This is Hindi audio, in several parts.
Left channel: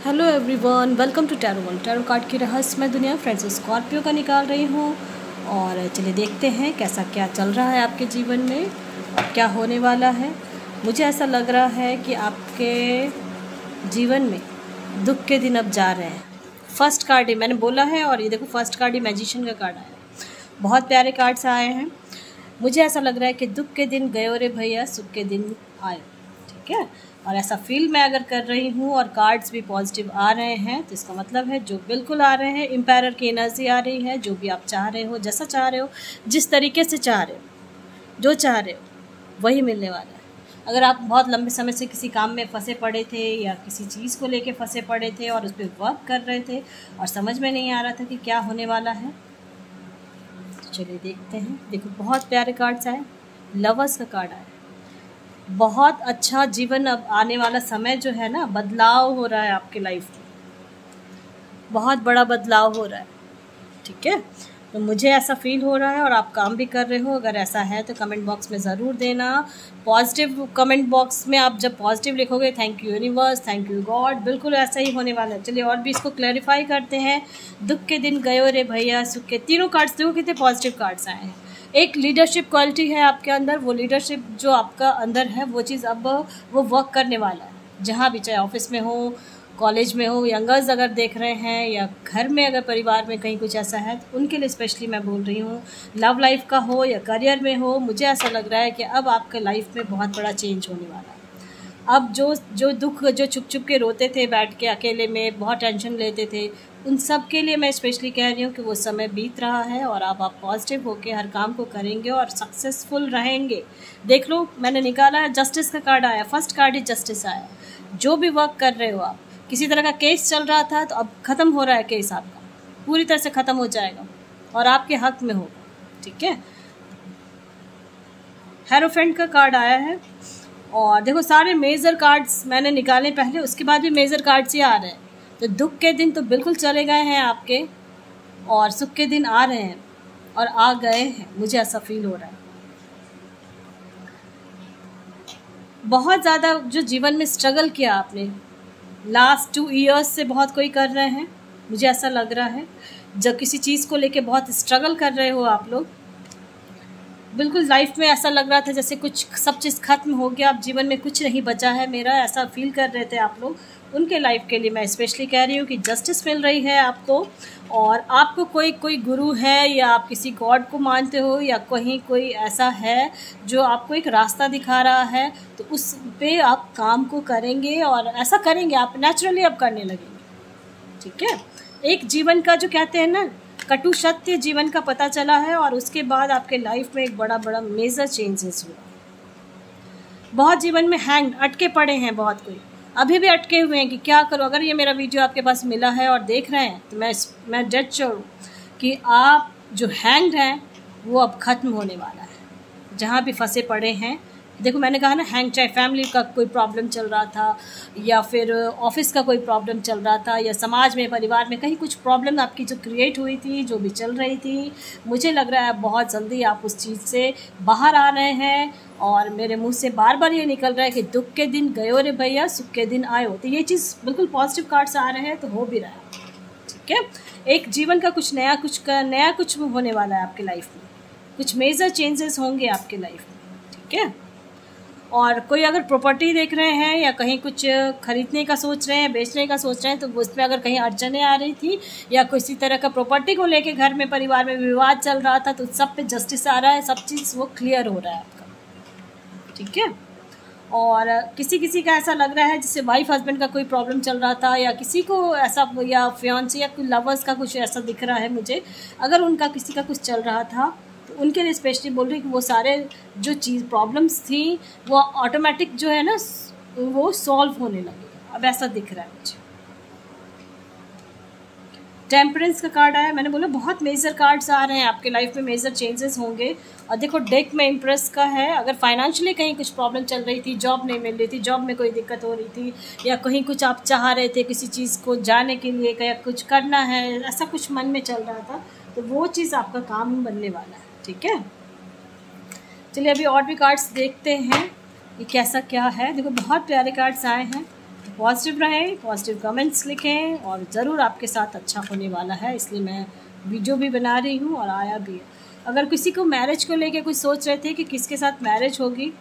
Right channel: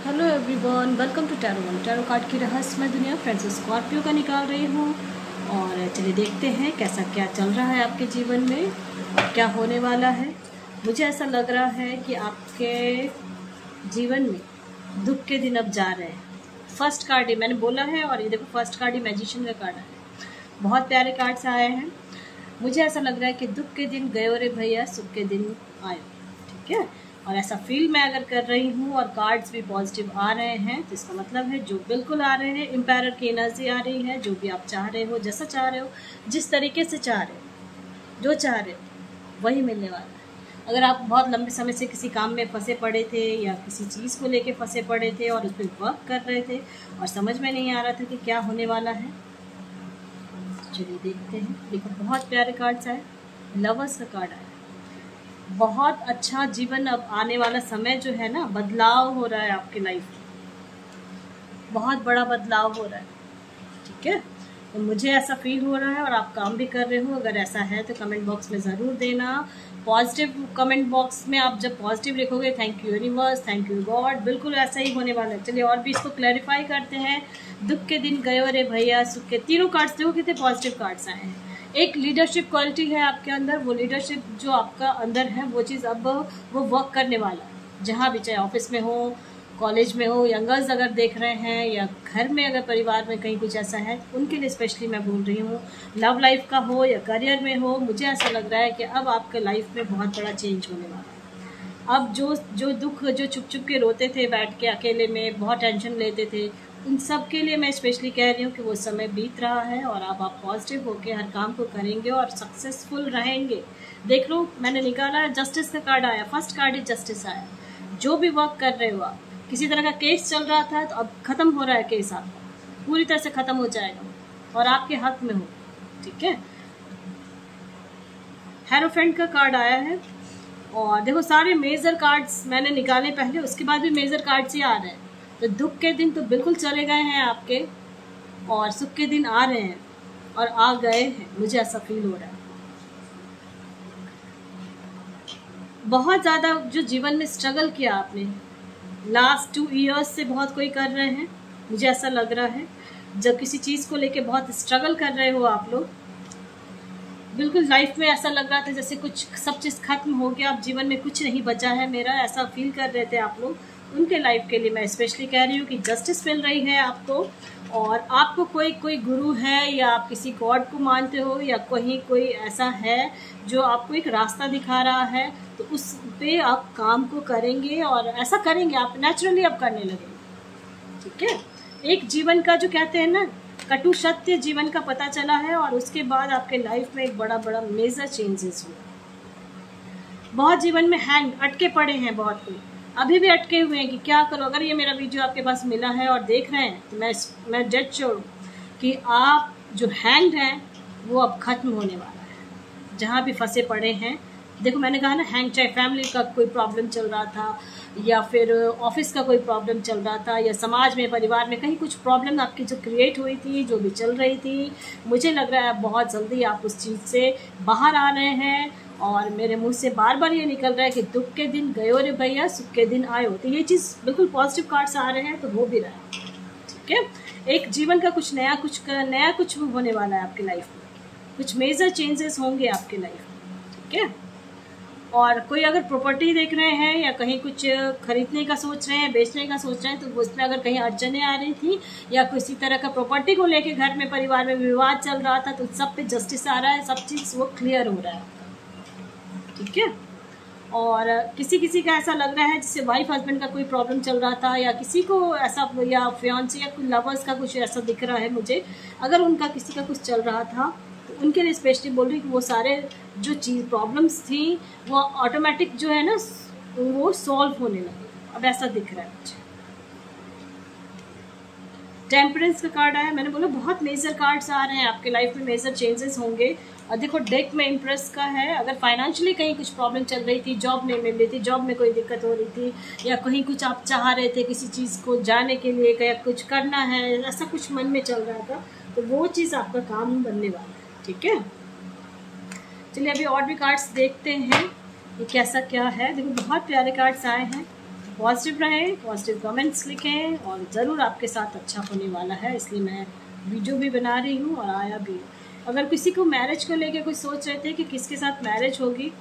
Hello everyone, welcome to tarot card की रहस्यमय दुनिया। फ्रेंड्स, स्कॉर्पियो का निकाल रही हूँ और चलिए देखते हैं कैसा क्या चल रहा है आपके जीवन में और क्या होने वाला है। मुझे ऐसा लग रहा है कि आपके जीवन में दुख के दिन अब जा रहे हैं। फर्स्ट कार्ड ही मैंने बोला है और ये देखो फर्स्ट कार्ड ही मैजिशियन का कार्ड है। बहुत प्यारे कार्ड्स आए हैं। मुझे ऐसा लग रहा है कि दुख के दिन गए रे भैया, सुख के दिन आए। ठीक है, और ऐसा फील मैं अगर कर रही हूँ और कार्ड्स भी पॉजिटिव आ रहे हैं तो इसका मतलब है जो बिल्कुल आ रहे हैं, एम्पायर की एनर्जी आ रही है। जो भी आप चाह रहे हो, जैसा चाह रहे हो, जिस तरीके से चाह रहे हो, जो चाह रहे हो वही मिलने वाला है। अगर आप बहुत लंबे समय से किसी काम में फंसे पड़े थे या किसी चीज़ को लेके फंसे पड़े थे और उस पर वर्क कर रहे थे और समझ में नहीं आ रहा था कि क्या होने वाला है, तो चलिए देखते हैं। देखो बहुत प्यारे कार्ड्स आए। लवर्स का कार्ड आया। बहुत अच्छा जीवन, अब आने वाला समय जो है ना, बदलाव हो रहा है आपके लाइफ में, बहुत बड़ा बदलाव हो रहा है। ठीक है, तो मुझे ऐसा फील हो रहा है और आप काम भी कर रहे हो। अगर ऐसा है तो कमेंट बॉक्स में ज़रूर देना। पॉजिटिव कमेंट बॉक्स में आप जब पॉजिटिव लिखोगे, thank you universe, thank you God, बिल्कुल ऐसा ही होने वाला है। चलिए और भी इसको क्लैरिफाई करते हैं। दुख के दिन गयो रे भैया, सुख के, तीनों कार्ड्स देखो कितने पॉजिटिव कार्ड्स आए हैं। एक लीडरशिप क्वालिटी है आपके अंदर, वो लीडरशिप जो आपका अंदर है वो चीज़ अब वो वर्क करने वाला है। जहाँ भी, चाहे ऑफिस में हो, कॉलेज में हो, यंगर्स अगर देख रहे हैं या घर में अगर परिवार में कहीं कुछ ऐसा है तो उनके लिए स्पेशली मैं बोल रही हूँ। लव लाइफ का हो या करियर में हो, मुझे ऐसा लग रहा है कि अब आपके लाइफ में बहुत बड़ा चेंज होने वाला है। अब जो दुख, जो छुप छुप के रोते थे बैठ के अकेले में, बहुत टेंशन लेते थे, उन सब के लिए मैं स्पेशली कह रही हूँ कि वो समय बीत रहा है और अब आप पॉजिटिव होकर हर काम को करेंगे और सक्सेसफुल रहेंगे। देख लो, मैंने निकाला है, जस्टिस का कार्ड आया। फर्स्ट कार्ड ही जस्टिस आया। जो भी वर्क कर रहे हो आप, किसी तरह का केस चल रहा था तो अब ख़त्म हो रहा है केस आपका, पूरी तरह से ख़त्म हो जाएगा और आपके हक में होगा। ठीक है, हेरोफेंट का कार्ड आया है। और देखो सारे मेजर कार्ड्स मैंने निकाले पहले, उसके बाद भी मेजर कार्ड्स ही आ रहे हैं। तो दुख के दिन तो बिल्कुल चले गए हैं आपके और सुख के दिन आ रहे हैं और आ गए हैं, मुझे ऐसा फील हो रहा है। बहुत ज़्यादा जो जीवन में स्ट्रगल किया आपने, लास्ट 2 ईयर्स से बहुत कोई कर रहे हैं, मुझे ऐसा लग रहा है। जब किसी चीज़ को लेके बहुत स्ट्रगल कर रहे हो आप लोग, बिल्कुल लाइफ में ऐसा लग रहा था जैसे कुछ सब चीज़ खत्म हो गया, अब जीवन में कुछ नहीं बचा है मेरा, ऐसा फील कर रहे थे आप लोग। उनके लाइफ के लिए मैं स्पेशली कह रही हूँ कि जस्टिस मिल रही है आपको। और आपको कोई गुरु है या आप किसी गॉड को मानते हो या कहीं कोई ऐसा है जो आपको एक रास्ता दिखा रहा है, तो उस पे आप काम को करेंगे और ऐसा करेंगे आप नेचुरली अब करने लगेंगे। ठीक है, एक जीवन का जो कहते हैं ना, कटु सत्य जीवन का पता चला है और उसके बाद आपके लाइफ में एक बड़ा बड़ा मेजर चेंजेस हुआ। बहुत जीवन में हैंग अटके पड़े हैं, बहुत कोई अभी भी अटके हुए हैं कि क्या करो। अगर ये मेरा वीडियो आपके पास मिला है और देख रहे हैं तो मैं डेड श्योर हूँ कि आप जो हैंग्ड हैं वो अब ख़त्म होने वाला है। जहाँ भी फंसे पड़े हैं, देखो मैंने कहा ना, हैंग, चाहे फैमिली का कोई प्रॉब्लम चल रहा था या फिर ऑफिस का कोई प्रॉब्लम चल रहा था या समाज में, परिवार में कहीं कुछ प्रॉब्लम आपकी जो क्रिएट हुई थी, जो भी चल रही थी, मुझे लग रहा है बहुत जल्दी आप उस चीज़ से बाहर आ रहे हैं। और मेरे मुंह से बार बार ये निकल रहा है कि दुख के दिन गयो रे भैया, सुख के दिन आयो। तो ये चीज़ बिल्कुल पॉजिटिव कार्ड्स आ रहे हैं, तो हो भी रहा है। ठीक है, एक जीवन का कुछ नया कुछ होने वाला है आपके लाइफ में, कुछ मेजर चेंजेस होंगे आपके लाइफ में। ठीक है, और कोई अगर प्रॉपर्टी देख रहे हैं या कहीं कुछ खरीदने का सोच रहे हैं, बेचने का सोच रहे हैं, तो उसमें अगर कहीं अड़चने आ रही थी या किसी तरह का प्रॉपर्टी को लेके घर में, परिवार में विवाद चल रहा था, तो सब पे जस्टिस आ रहा है, सब चीज़ वो क्लियर हो रहा है आपका। ठीक है, और किसी का ऐसा लग रहा है जैसे वाइफ हस्बैंड का कोई प्रॉब्लम चल रहा था या किसी को ऐसा, या फियांसे या कोई लवर्स का कुछ ऐसा दिख रहा है मुझे, अगर उनका किसी का कुछ चल रहा था तो उनके लिए स्पेशली बोल रही कि वो सारे जो चीज़ प्रॉब्लम्स थी वो ऑटोमेटिक जो है ना, वो सॉल्व होने लगे, अब ऐसा दिख रहा है मुझे। टेम्परेंस का कार्ड आया। मैंने बोला बहुत मेजर कार्ड्स आ रहे हैं आपके लाइफ में, मेजर चेंजेस होंगे। और देखो डेक में इम्प्रेस का है। अगर फाइनेंशियली कहीं कुछ प्रॉब्लम चल रही थी, जॉब नहीं मिल रही थी, जॉब में कोई दिक्कत हो रही थी, या कहीं कुछ आप चाह रहे थे किसी चीज़ को जाने के लिए, कहीं कुछ करना है, ऐसा कुछ मन में चल रहा था, तो वो चीज़ आपका काम बनने वाला है। ठीक है, चलिए अभी और भी कार्ड्स देखते हैं ये कैसा क्या है। देखो बहुत प्यारे कार्ड्स आए हैं, पॉजिटिव रहें, पॉजिटिव कमेंट्स लिखें और ज़रूर आपके साथ अच्छा होने वाला है, इसलिए मैं वीडियो भी बना रही हूँ और आया भी है। अगर किसी को मैरिज को लेके कुछ सोच रहे थे कि किसके साथ मैरिज होगी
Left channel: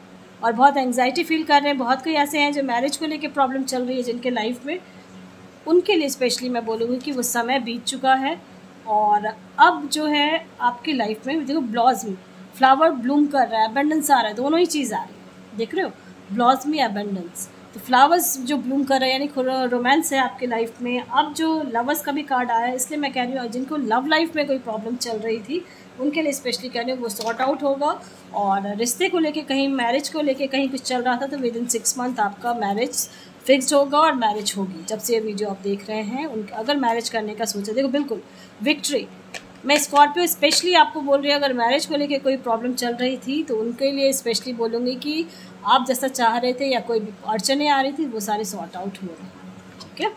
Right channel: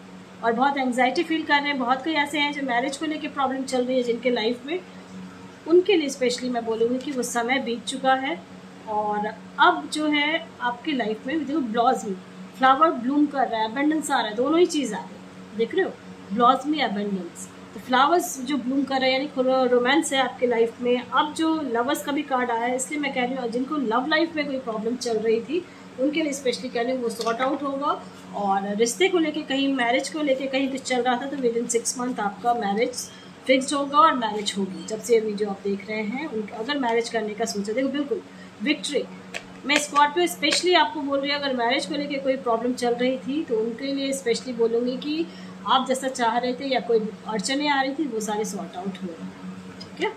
और बहुत एंग्जाइटी फील कर रहे हैं, बहुत कोई ऐसे हैं जो मैरिज को लेके प्रॉब्लम चल रही है जिनके लाइफ में, उनके लिए स्पेशली मैं बोलूँगी कि वो समय बीत चुका है और अब जो है आपकी लाइफ में देखो ब्लॉसमी, फ्लावर ब्लूम कर रहा है, अबंडेंस आ रहा है, दोनों ही चीज़ आ रही है, देख रहे हो, ब्लॉसमी अबंडेंस। तो फ्लावर्स जो ब्लूम कर रहे हैं यानी रोमांस है आपके लाइफ में। अब जो लवर्स का भी कार्ड आया है, इसलिए मैं कह रही हूँ जिनको लव लाइफ में कोई प्रॉब्लम चल रही थी उनके लिए स्पेशली कह रही हूँ वो सॉर्ट आउट होगा। और रिश्ते को लेके कहीं, मैरिज को लेके कहीं कुछ चल रहा था तो विद इन 6 मंथ आपका मैरिज फिक्स्ड होगा और मैरिज होगी। जब से ये वीडियो आप देख रहे हैं उनके अगर मैरिज करने का सोचा, देखो बिल्कुल विक्ट्री। मैं स्कॉर्पियो स्पेशली आपको बोल रही हूँ, अगर मैरिज को लेके कोई प्रॉब्लम चल रही थी तो उनके लिए स्पेशली बोलूँगी कि आप जैसा चाह रहे थे या कोई अड़चने आ रही थी वो सारे सॉर्ट आउट हो रहे हैं, ठीक है।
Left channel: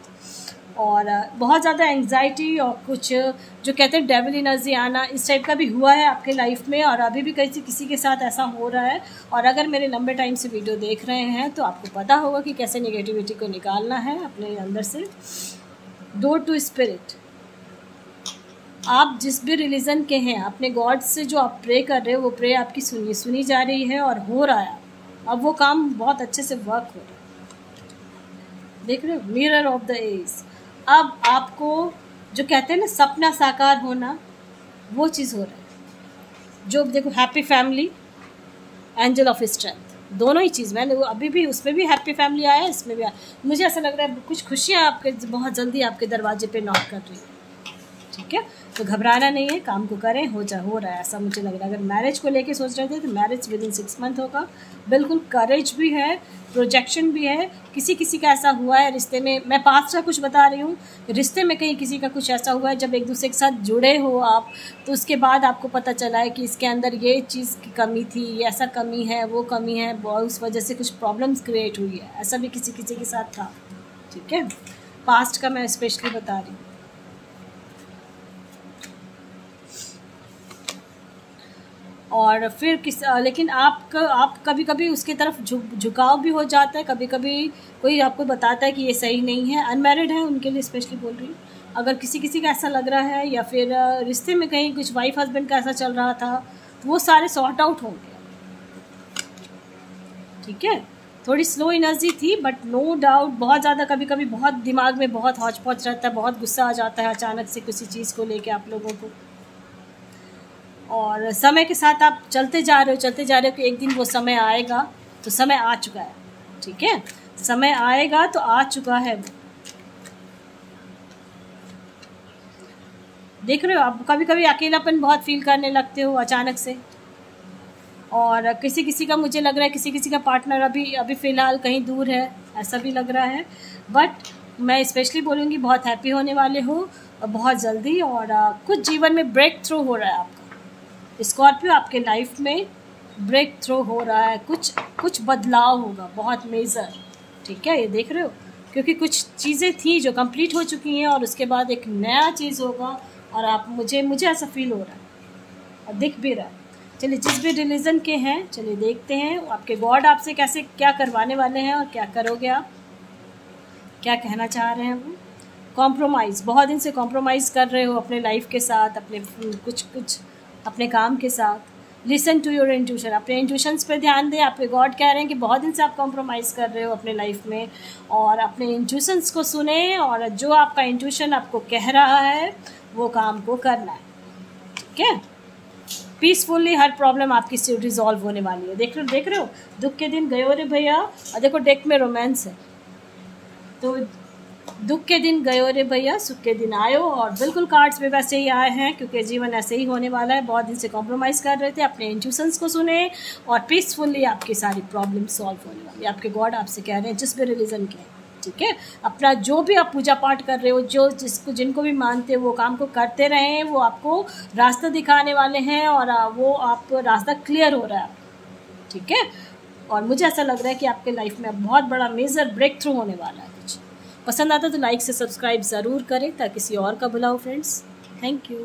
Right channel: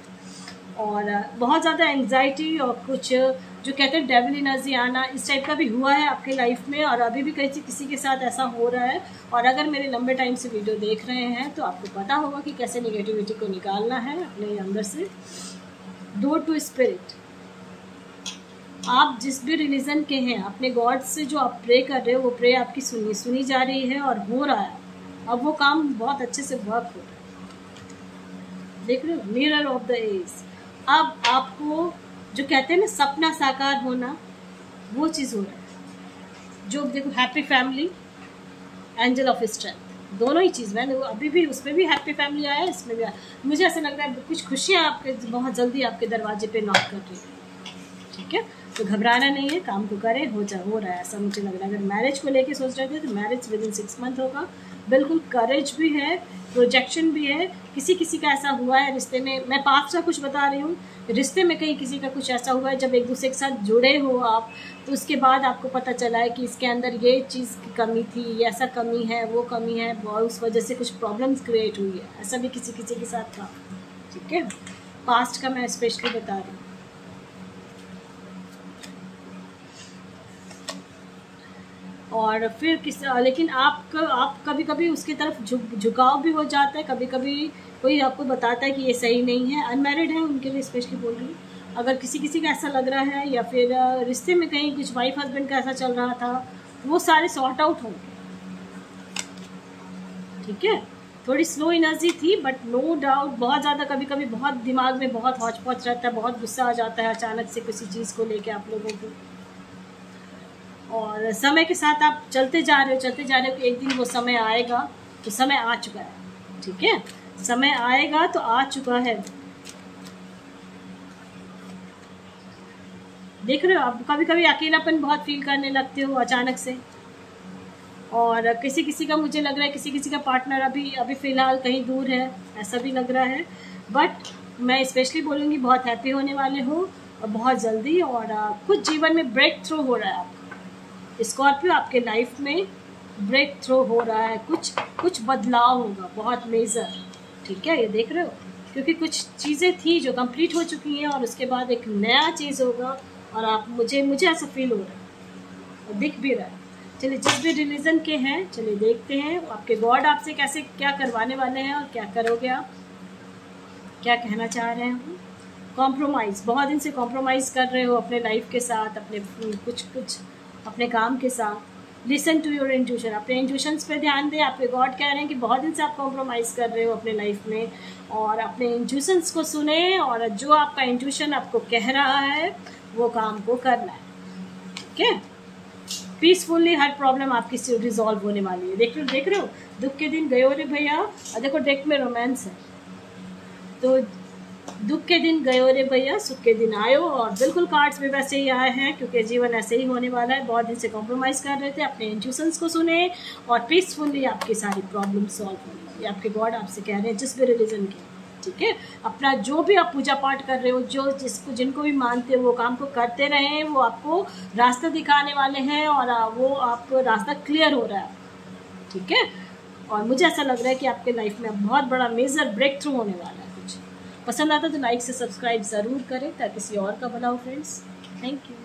और बहुत ज़्यादा एंग्जाइटी और कुछ जो कहते हैं डेविल एनर्जी आना, इस टाइप का भी हुआ है आपके लाइफ में और अभी भी किसी के साथ ऐसा हो रहा है। और अगर मेरे लंबे टाइम से वीडियो देख रहे हैं तो आपको पता होगा कि कैसे नेगेटिविटी को निकालना है अपने अंदर से। डोर टू स्पिरिट, आप जिस भी रिलीजन के हैं, अपने गॉड से जो आप प्रे कर रहे हो वो प्रे आपकी सुनी जा रही है और हो रहा है। अब वो काम बहुत अच्छे से वर्क हो रहा है, देख रहे हो, मिरर ऑफ द एज। अब आपको जो कहते हैं ना सपना साकार होना, वो चीज़ हो रहा है। जो देखो happy family, angel of strength, दोनों ही चीज़ मैंने वो अभी भी उसमें भी हैप्पी फैमिली आया, इसमें भी आया। मुझे ऐसा लग रहा है कुछ खुशियाँ आपके बहुत जल्दी आपके दरवाजे पे नॉक कर रही है, ठीक है। तो घबराना नहीं है, काम को करें, हो रहा है ऐसा मुझे लग रहा है। अगर मैरिज को लेके सोच रहे थे तो मैरिज विद इन 6 मंथ होगा। बिल्कुल करेज भी है, प्रोजेक्शन भी है। किसी का ऐसा हुआ है रिश्ते में, मैं पास्ट का कुछ बता रही हूँ, रिश्ते में कहीं किसी का कुछ ऐसा हुआ है जब एक दूसरे के साथ जुड़े हो आप, तो उसके बाद आपको पता चला है कि इसके अंदर ये चीज़ की कमी थी, ये ऐसा कमी है, वो कमी है, उस वजह से कुछ प्रॉब्लम्स क्रिएट हुई है। ऐसा भी किसी के साथ था, ठीक है। पास्ट का मैं स्पेशली बता रही हूँ। और फिर लेकिन आप कभी कभी उसकी तरफ झुकाव भी हो जाता है। कभी कभी कोई आपको बताता है कि ये सही नहीं है। अनमैरिड है उनके लिए स्पेशली बोल रही हूँ। अगर किसी का ऐसा लग रहा है या फिर रिश्ते में कहीं कुछ वाइफ हस्बैंड का ऐसा चल रहा था, वो सारे सॉर्ट आउट होंगे, ठीक है। थोड़ी स्लो एनर्जी थी बट नो डाउट बहुत ज़्यादा कभी कभी बहुत दिमाग में बहुत हौच पौच रहता है, बहुत गुस्सा आ जाता है अचानक से किसी चीज़ को लेके आप लोगों को। और समय के साथ आप चलते जा रहे हो कि एक दिन वो समय आएगा, तो समय आ चुका है, ठीक है। समय आएगा तो आ चुका है। देख रहे हो आप कभी कभी अकेलापन बहुत फील करने लगते हो अचानक से। और किसी का मुझे लग रहा है किसी का पार्टनर अभी फ़िलहाल कहीं दूर है, ऐसा भी लग रहा है। बट मैं स्पेशली बोलूँगी बहुत हैप्पी होने वाले हो बहुत जल्दी। और कुछ जीवन में ब्रेक थ्रू हो रहा है आपका। स्कॉर्पियो आपके लाइफ में ब्रेक थ्रू हो रहा है, कुछ बदलाव होगा बहुत मेजर, ठीक है। ये देख रहे हो, क्योंकि कुछ चीज़ें थी जो कंप्लीट हो चुकी हैं और उसके बाद एक नया चीज़ होगा। और आप मुझे ऐसा फील हो रहा है और दिख भी रहा है। चलिए जिस भी रिलीजन के हैं, चलिए देखते हैं आपके गॉड आपसे कैसे क्या करवाने वाले हैं और क्या करोगे आप, क्या कहना चाह रहे हैं वो। कॉम्प्रोमाइज़, बहुत दिन से कॉम्प्रोमाइज़ कर रहे हो अपने लाइफ के साथ, अपने कुछ अपने काम के साथ। लिसन टू योर इंट्यूशन, अपने इंट्यूशंस पे ध्यान दें। आपके गॉड कह रहे हैं कि बहुत दिन से आप कॉम्प्रोमाइज़ कर रहे हो अपने लाइफ में, और अपने इंट्यूशंस को सुने और जो आपका इंट्यूशन आपको कह रहा है वो काम को करना है, ठीक है। पीसफुली हर प्रॉब्लम आपकी रिजॉल्व होने वाली है। देख रहे हो दुख के दिन गए हो रे भैया। और देखो डेक में रोमांस है, तो दुख के दिन गए रे भैया, सुख के दिन आयो। और बिल्कुल कार्ड्स में वैसे ही आए हैं क्योंकि जीवन ऐसे ही होने वाला है। बहुत दिन से कॉम्प्रोमाइज़ कर रहे थे, अपने इंट्यूशंस को सुने और पीसफुली आपकी सारी प्रॉब्लम सॉल्व होने वाली। आपके गॉड आपसे कह रहे हैं जिस भी रिलीजन के, ठीक है। अपना जो भी आप पूजा पाठ कर रहे हो, जिनको भी मानते हो वो काम को करते रहें। वो आपको रास्ता दिखाने वाले हैं और वो आपको रास्ता क्लियर हो रहा है, ठीक है। और मुझे ऐसा लग रहा है कि आपके लाइफ में अब बहुत बड़ा मेजर ब्रेक थ्रू होने वाला है। कुछ पसंद आता तो लाइक से सब्सक्राइब ज़रूर करें ताकि किसी और का भला हो फ्रेंड्स। Thank you.